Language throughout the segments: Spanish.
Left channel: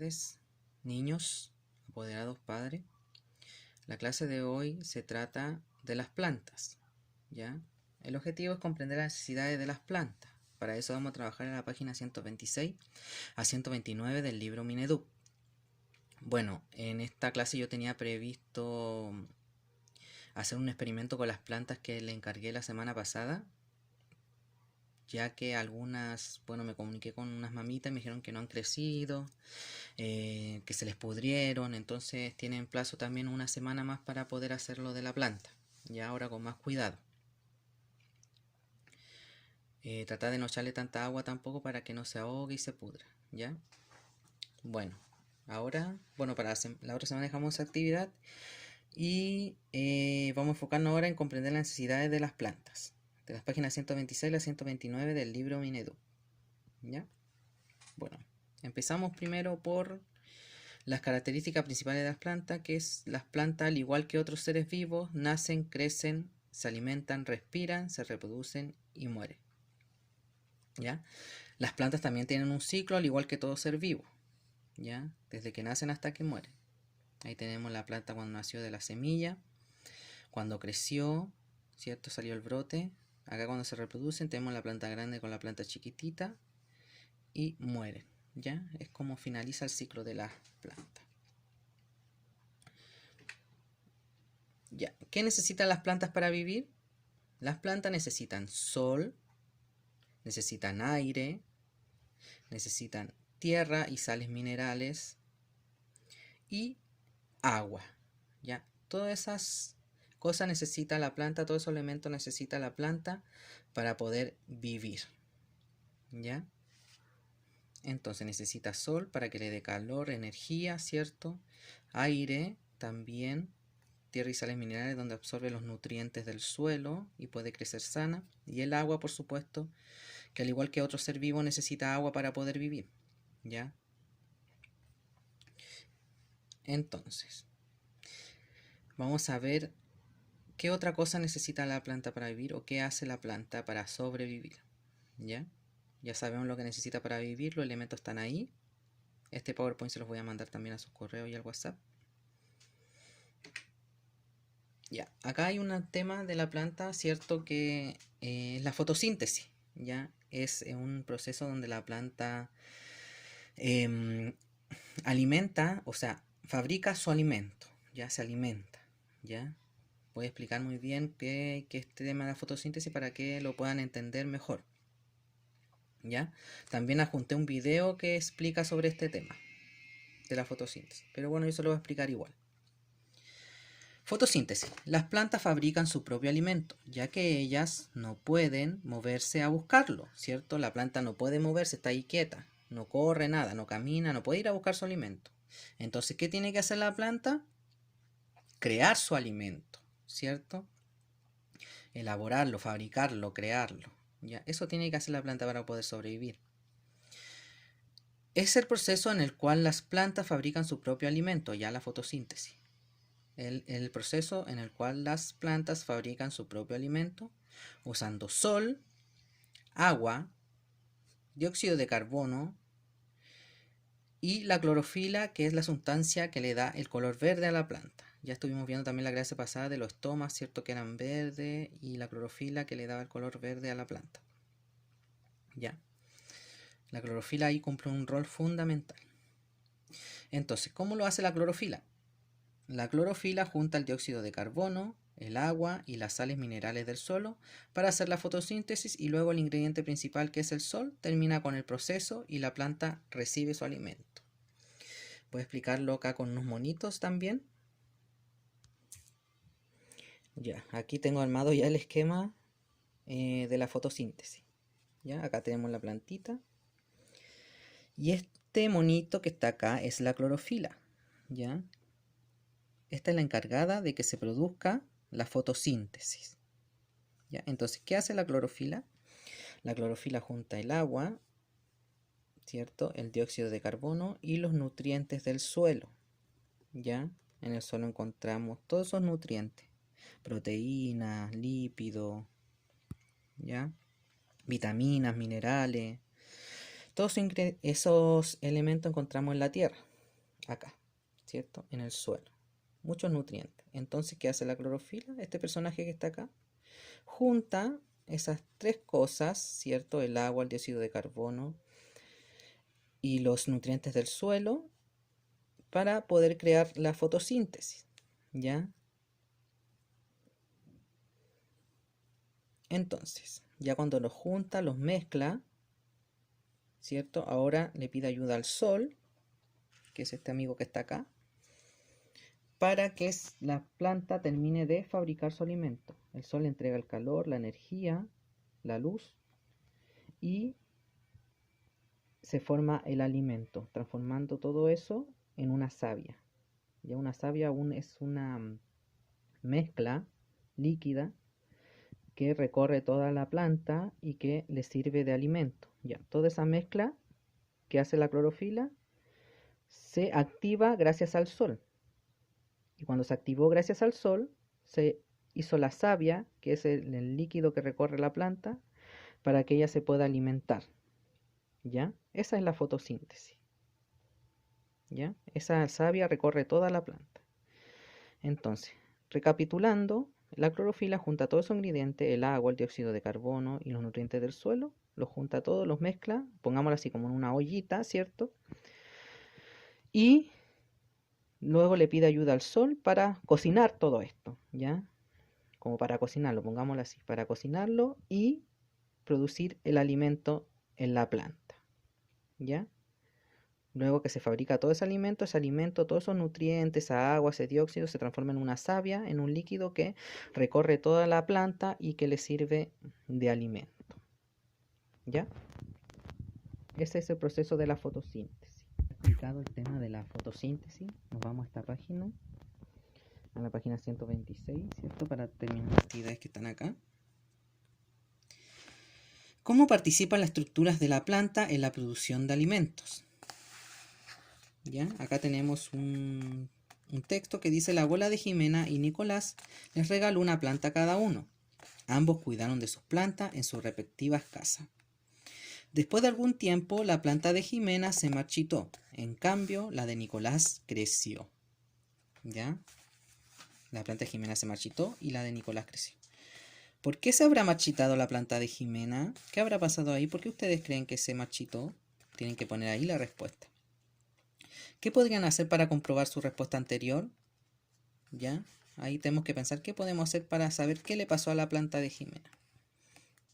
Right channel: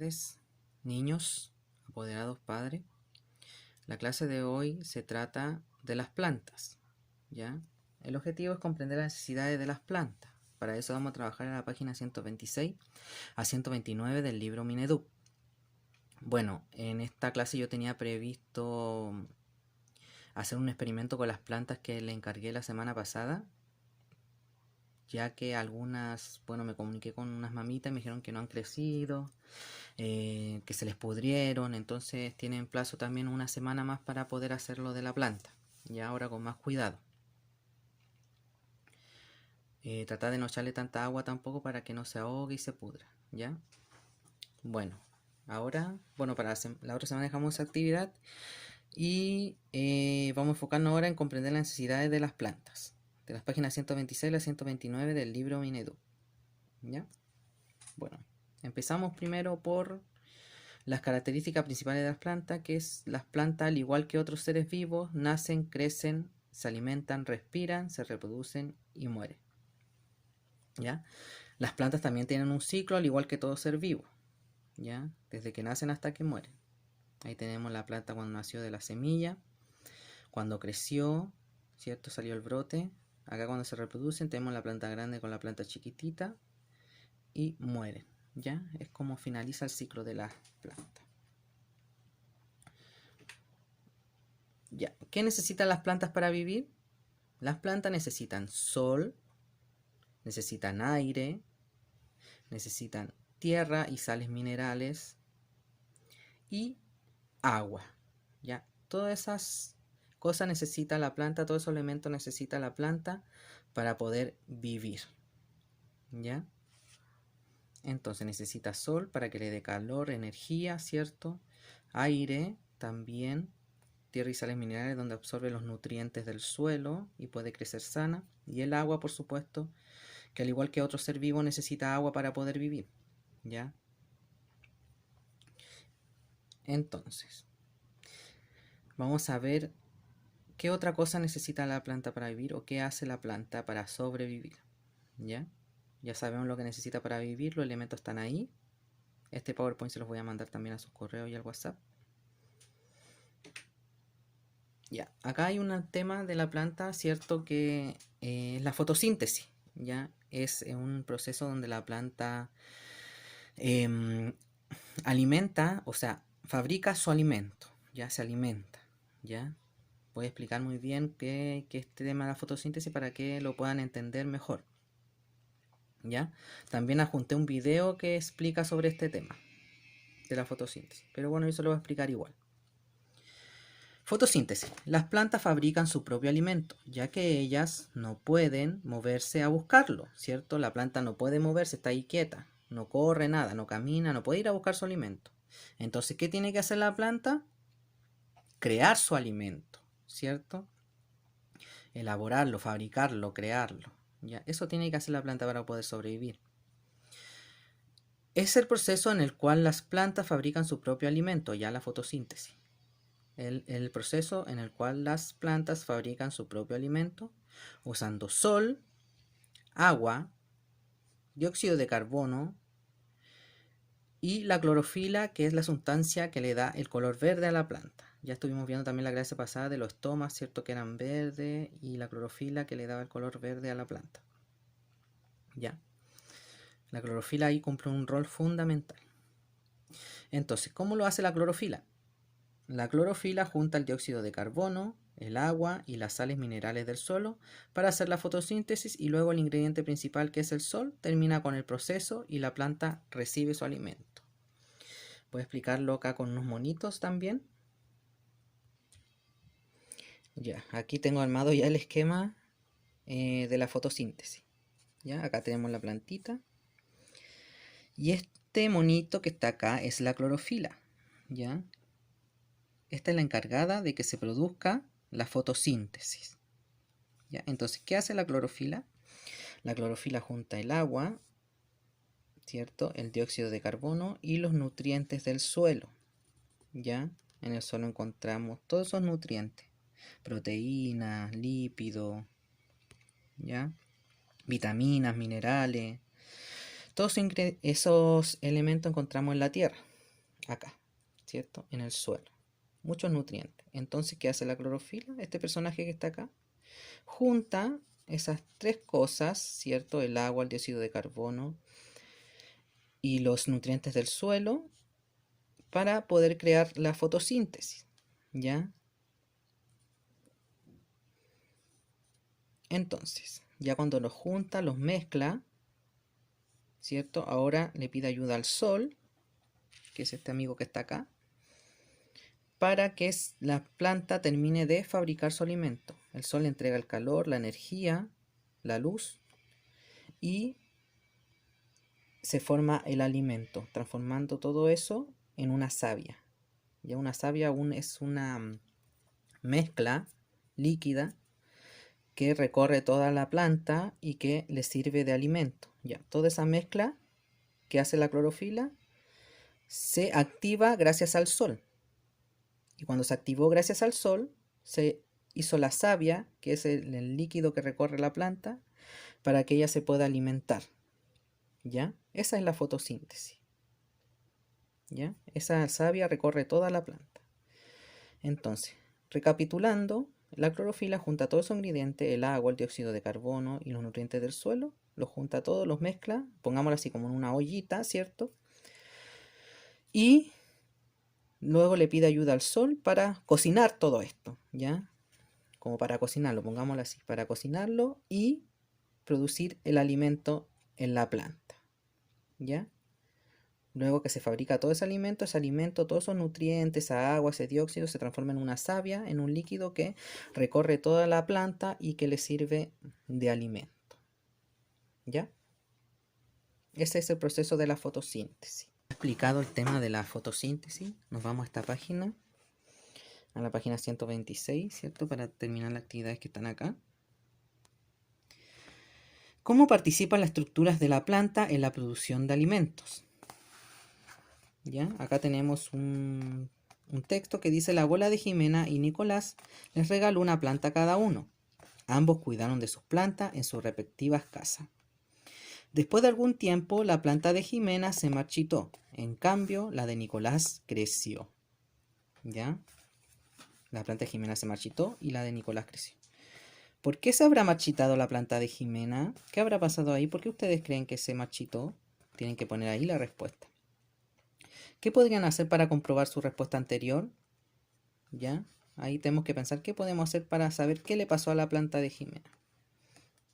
tardes, niños, apoderados padres. La clase de hoy se trata de las plantas, ¿ya? El objetivo es comprender las necesidades de las plantas. Para eso vamos a trabajar en la página 126 a 129 del libro Mineduc. Bueno, en esta clase yo tenía previsto hacer un experimento con las plantas que le encargué la semana pasada, ya que algunas, bueno, me comuniqué con unas mamitas y me dijeron que no han crecido, que se les pudrieron, entonces tienen plazo también una semana más para poder hacerlo de la planta, y ahora con más cuidado. Tratar de no echarle tanta agua tampoco para que no se ahogue y se pudra, ¿ya? Bueno, ahora, para la otra semana dejamos esa actividad y vamos a enfocarnos ahora en comprender las necesidades de las plantas, de las páginas 126 a 129 del libro Mineduc, ¿ya? Bueno, empezamos primero por las características principales de las plantas, que es las plantas, al igual que otros seres vivos, nacen, crecen, se alimentan, respiran, se reproducen y mueren, ¿ya? Las plantas también tienen un ciclo, al igual que todo ser vivo, ¿ya? Desde que nacen hasta que mueren. Ahí tenemos la planta cuando nació de la semilla, cuando creció, ¿cierto? Salió el brote. Acá cuando se reproducen tenemos la planta grande con la planta chiquitita y mueren, ¿ya? Es como finaliza el ciclo de la planta. Ya. ¿Qué necesitan las plantas para vivir? Las plantas necesitan sol, necesitan aire, necesitan tierra y sales minerales y agua, ¿ya? Todas esas cosas necesita la planta, todos esos elementos necesita la planta para poder vivir, ¿ya? Entonces necesita sol para que le dé calor, energía, ¿cierto? Aire también, tierra y sales minerales donde absorbe los nutrientes del suelo y puede crecer sana. Y el agua, por supuesto, que al igual que otro ser vivo necesita agua para poder vivir, ¿ya? Entonces, vamos a ver qué otra cosa necesita la planta para vivir o qué hace la planta para sobrevivir, ¿ya? Ya sabemos lo que necesita para vivir, los elementos están ahí. Este PowerPoint se los voy a mandar también a sus correos y al WhatsApp. Ya, acá hay un tema de la planta, ¿cierto? Que es la fotosíntesis, ¿ya? Es un proceso donde la planta alimenta, o sea, fabrica su alimento, ya se alimenta, ¿ya? Voy a explicar muy bien qué es este tema de la fotosíntesis para que lo puedan entender mejor, ¿ya? También adjunté un video que explica sobre este tema de la fotosíntesis, pero bueno, eso lo voy a explicar igual. Fotosíntesis. Las plantas fabrican su propio alimento, ya que ellas no pueden moverse a buscarlo, ¿cierto? La planta no puede moverse, está ahí quieta, no corre nada, no camina, no puede ir a buscar su alimento. Entonces, ¿qué tiene que hacer la planta? Crear su alimento, ¿cierto? Elaborarlo, fabricarlo, crearlo, ¿ya? Eso tiene que hacer la planta para poder sobrevivir. Es el proceso en el cual las plantas fabrican su propio alimento, ya la fotosíntesis. El proceso en el cual las plantas fabrican su propio alimento usando sol, agua, dióxido de carbono y la clorofila, que es la sustancia que le da el color verde a la planta. Ya estuvimos viendo también la clase pasada de los estomas, ¿cierto? Que eran verdes, y la clorofila que le daba el color verde a la planta. ¿Ya? La clorofila ahí cumple un rol fundamental. Entonces, ¿cómo lo hace la clorofila? La clorofila junta el dióxido de carbono, el agua y las sales minerales del suelo para hacer la fotosíntesis, y luego el ingrediente principal, que es el sol, termina con el proceso y la planta recibe su alimento. Voy a explicarlo acá con unos monitos también. Ya, aquí tengo armado ya el esquema de la fotosíntesis. Ya, acá tenemos la plantita. Y este monito que está acá es la clorofila. ¿Ya? Esta es la encargada de que se produzca la fotosíntesis. ¿Ya? Entonces, ¿qué hace la clorofila? La clorofila junta el agua, ¿cierto? El dióxido de carbono y los nutrientes del suelo. ¿Ya? En el suelo encontramos todos esos nutrientes. Proteínas, lípidos, ¿ya? Vitaminas, minerales. Todos esos elementos encontramos en la tierra, acá, ¿cierto? En el suelo. Muchos nutrientes. Entonces, ¿qué hace la clorofila? Este personaje que está acá junta esas tres cosas, ¿cierto? El agua, el dióxido de carbono y los nutrientes del suelo para poder crear la fotosíntesis, ¿ya? Entonces, ya cuando los junta, los mezcla, ¿cierto? Ahora le pide ayuda al sol, que es este amigo que está acá, para que la planta termine de fabricar su alimento. El sol le entrega el calor, la energía, la luz y se forma el alimento, transformando todo eso en una savia. Ya una savia es una mezcla líquida que recorre toda la planta y que le sirve de alimento. Ya, toda esa mezcla que hace la clorofila se activa gracias al sol. Y cuando se activó gracias al sol, se hizo la savia, que es el líquido que recorre la planta, para que ella se pueda alimentar. ¿Ya? Esa es la fotosíntesis. ¿Ya? Esa savia recorre toda la planta. Entonces, recapitulando, la clorofila junta todos esos ingredientes, el agua, el dióxido de carbono y los nutrientes del suelo, los junta todos, los mezcla, pongámoslo así como en una ollita, ¿cierto? Y luego le pide ayuda al sol para cocinar todo esto, ¿ya? Como para cocinarlo, pongámoslo así, para cocinarlo y producir el alimento en la planta, ¿ya? Luego que se fabrica todo ese alimento, todos esos nutrientes, esa agua, ese dióxido, se transforma en una savia, en un líquido que recorre toda la planta y que le sirve de alimento. ¿Ya? Ese es el proceso de la fotosíntesis. Explicado el tema de la fotosíntesis, nos vamos a esta página, a la página 126, ¿cierto? Para terminar las actividades que están acá. ¿Cómo participan las estructuras de la planta en la producción de alimentos? ¿Ya? Acá tenemos un texto que dice: la abuela de Jimena y Nicolás les regaló una planta a cada uno. Ambos cuidaron de sus plantas en sus respectivas casas. Después de algún tiempo, la planta de Jimena se marchitó. En cambio, la de Nicolás creció. ¿Ya? La planta de Jimena se marchitó y la de Nicolás creció. ¿Por qué se habrá marchitado la planta de Jimena? ¿Qué habrá pasado ahí? ¿Por qué ustedes creen que se marchitó? Tienen que poner ahí la respuesta. ¿Qué podrían hacer para comprobar su respuesta anterior? ¿Ya? Ahí tenemos que pensar qué podemos hacer para saber qué le pasó a la planta de Jimena.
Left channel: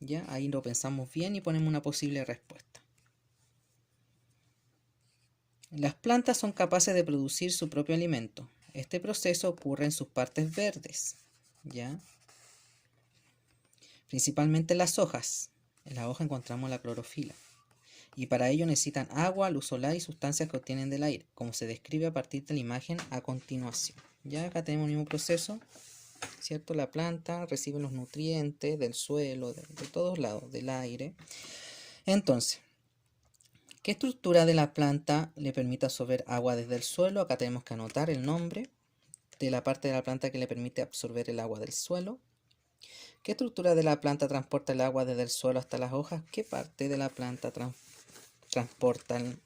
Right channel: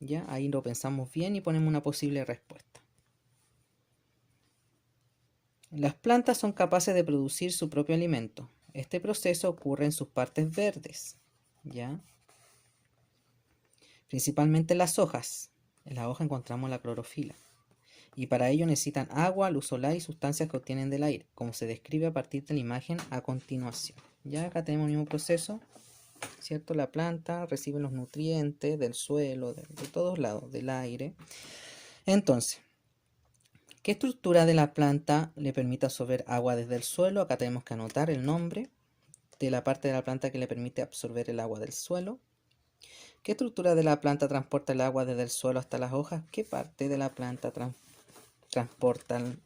¿Ya? Ahí lo pensamos bien y ponemos una posible respuesta. Las plantas son capaces de producir su propio alimento. Este proceso ocurre en sus partes verdes. ¿Ya? Principalmente en las hojas. En la hoja encontramos la clorofila. Y para ello necesitan agua, luz solar y sustancias que obtienen del aire, como se describe a partir de la imagen a continuación. Ya acá tenemos el mismo proceso, ¿cierto? La planta recibe los nutrientes del suelo, de todos lados, del aire. Entonces, ¿qué estructura de la planta le permite absorber agua desde el suelo? Acá tenemos que anotar el nombre de la parte de la planta que le permite absorber el agua del suelo. ¿Qué estructura de la planta transporta el agua desde el suelo hasta las hojas? ¿Qué parte de la planta transportan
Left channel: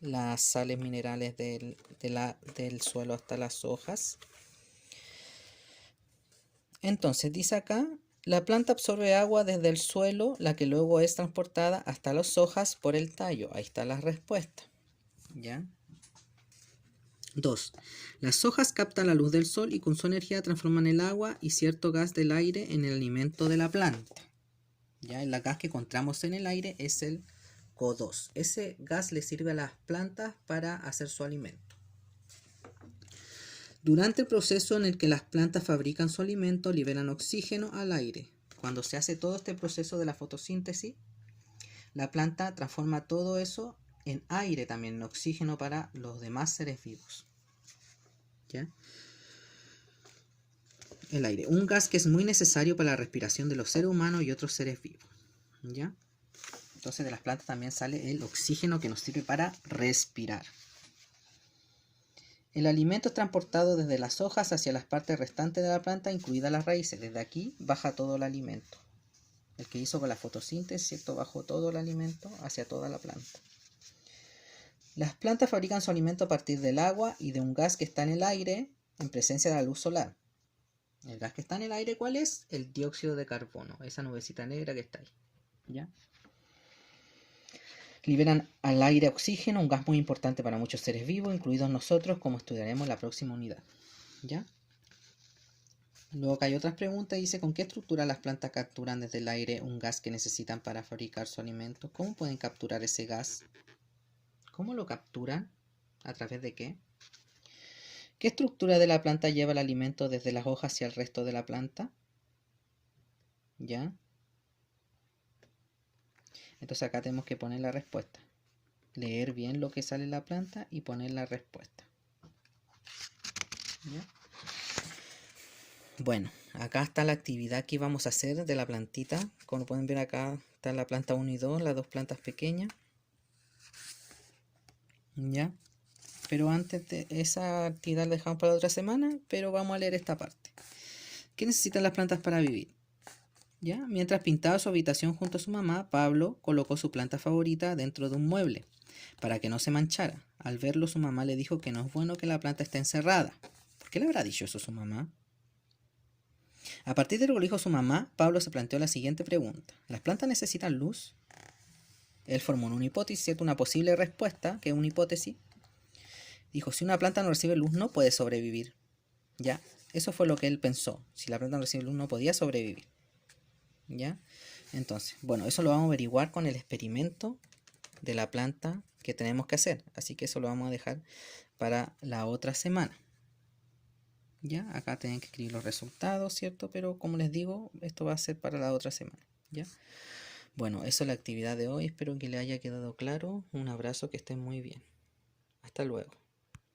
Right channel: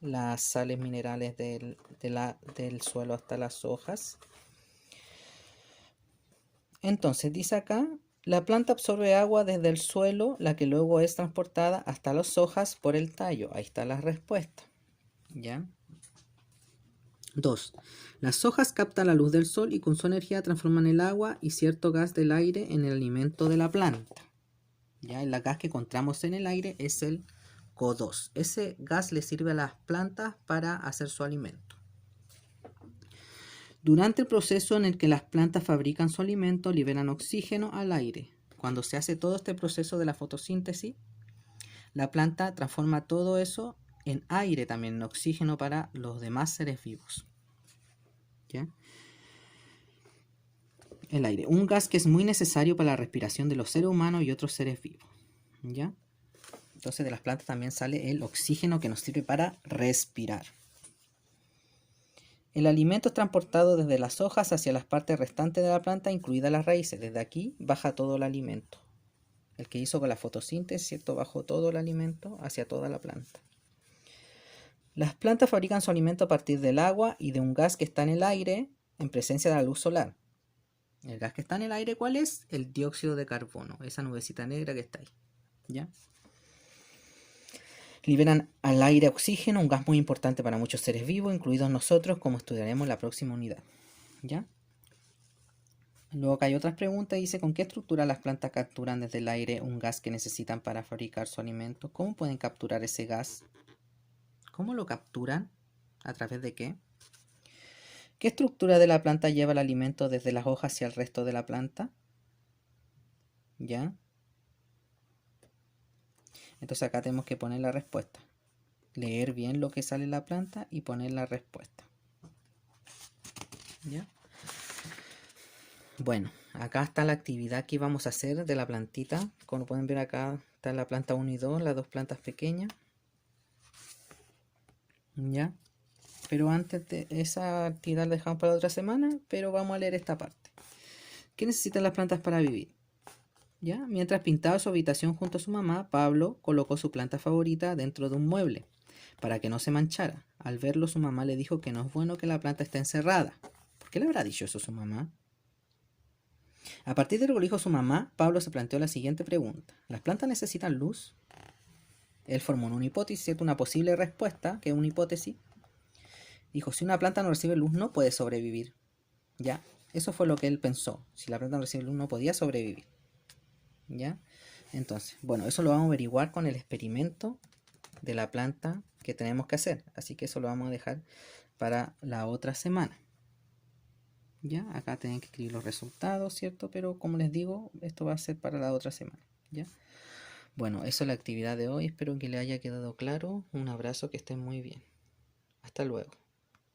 las sales minerales del suelo hasta las hojas? Entonces dice acá, la planta absorbe agua desde el suelo, la que luego es transportada hasta las hojas por el tallo. Ahí está la respuesta. ¿Ya? 2. Las hojas captan la luz del sol y con su energía transforman el agua y cierto gas del aire en el alimento de la planta. ¿Ya? El gas que encontramos en el aire es el CO2. Ese gas le sirve a las plantas para hacer su alimento. Durante el proceso en el que las plantas fabrican su alimento, liberan oxígeno al aire. Cuando se hace todo este proceso de la fotosíntesis, la planta transforma todo eso en aire también, en oxígeno para los demás seres vivos. ¿Ya? El aire, un gas que es muy necesario para la respiración de los seres humanos y otros seres vivos. ¿Ya? Entonces de las plantas también sale el oxígeno que nos sirve para respirar. El alimento es transportado desde las hojas hacia las partes restantes de la planta, incluidas las raíces. Desde aquí baja todo el alimento. El que hizo con la fotosíntesis, ¿cierto? Bajó todo el alimento hacia toda la planta. Las plantas fabrican su alimento a partir del agua y de un gas que está en el aire en presencia de la luz solar. El gas que está en el aire, ¿cuál es? El dióxido de carbono, esa nubecita negra que está ahí. ¿Ya? Liberan al aire oxígeno, un gas muy importante para muchos seres vivos, incluidos nosotros, como estudiaremos en la próxima unidad. ¿Ya? Luego acá hay otras preguntas, dice, ¿con qué estructura las plantas capturan desde el aire un gas que necesitan para fabricar su alimento? ¿Cómo pueden capturar ese gas? ¿Cómo lo capturan? ¿A través de qué? ¿Qué estructura de la planta lleva el alimento desde las hojas hacia el resto de la planta? ¿Ya? Entonces acá tenemos que poner la respuesta. Leer bien lo que sale en la planta y poner la respuesta. ¿Ya? Bueno, acá está la actividad que vamos a hacer de la plantita. Como pueden ver acá está la planta 1 y 2, las dos plantas pequeñas. ¿Ya? Pero antes de esa actividad la dejamos para la otra semana, pero vamos a leer esta parte. ¿Qué necesitan las plantas para vivir? ¿Ya? Mientras pintaba su habitación junto a su mamá, Pablo colocó su planta favorita dentro de un mueble para que no se manchara. Al verlo, su mamá le dijo que no es bueno que la planta esté encerrada. ¿Por qué le habrá dicho eso a su mamá? A partir de lo que dijo su mamá, Pablo se planteó la siguiente pregunta. ¿Las plantas necesitan luz? Él formó una hipótesis, una posible respuesta, que es una hipótesis. Dijo, si una planta no recibe luz, no puede sobrevivir. ¿Ya? Eso fue lo que él pensó. Si la planta no recibe luz, no podía sobrevivir. ¿Ya? Entonces, bueno, eso lo vamos a averiguar con el experimento de la planta que tenemos que hacer. Así que eso lo vamos a dejar para la otra semana. ¿Ya? Acá tienen que escribir los resultados, ¿cierto? Pero como les digo, esto va a ser para la otra semana. ¿Ya? Bueno, eso es la actividad de hoy. Espero que les haya quedado claro. Un abrazo, que estén muy bien. Hasta luego.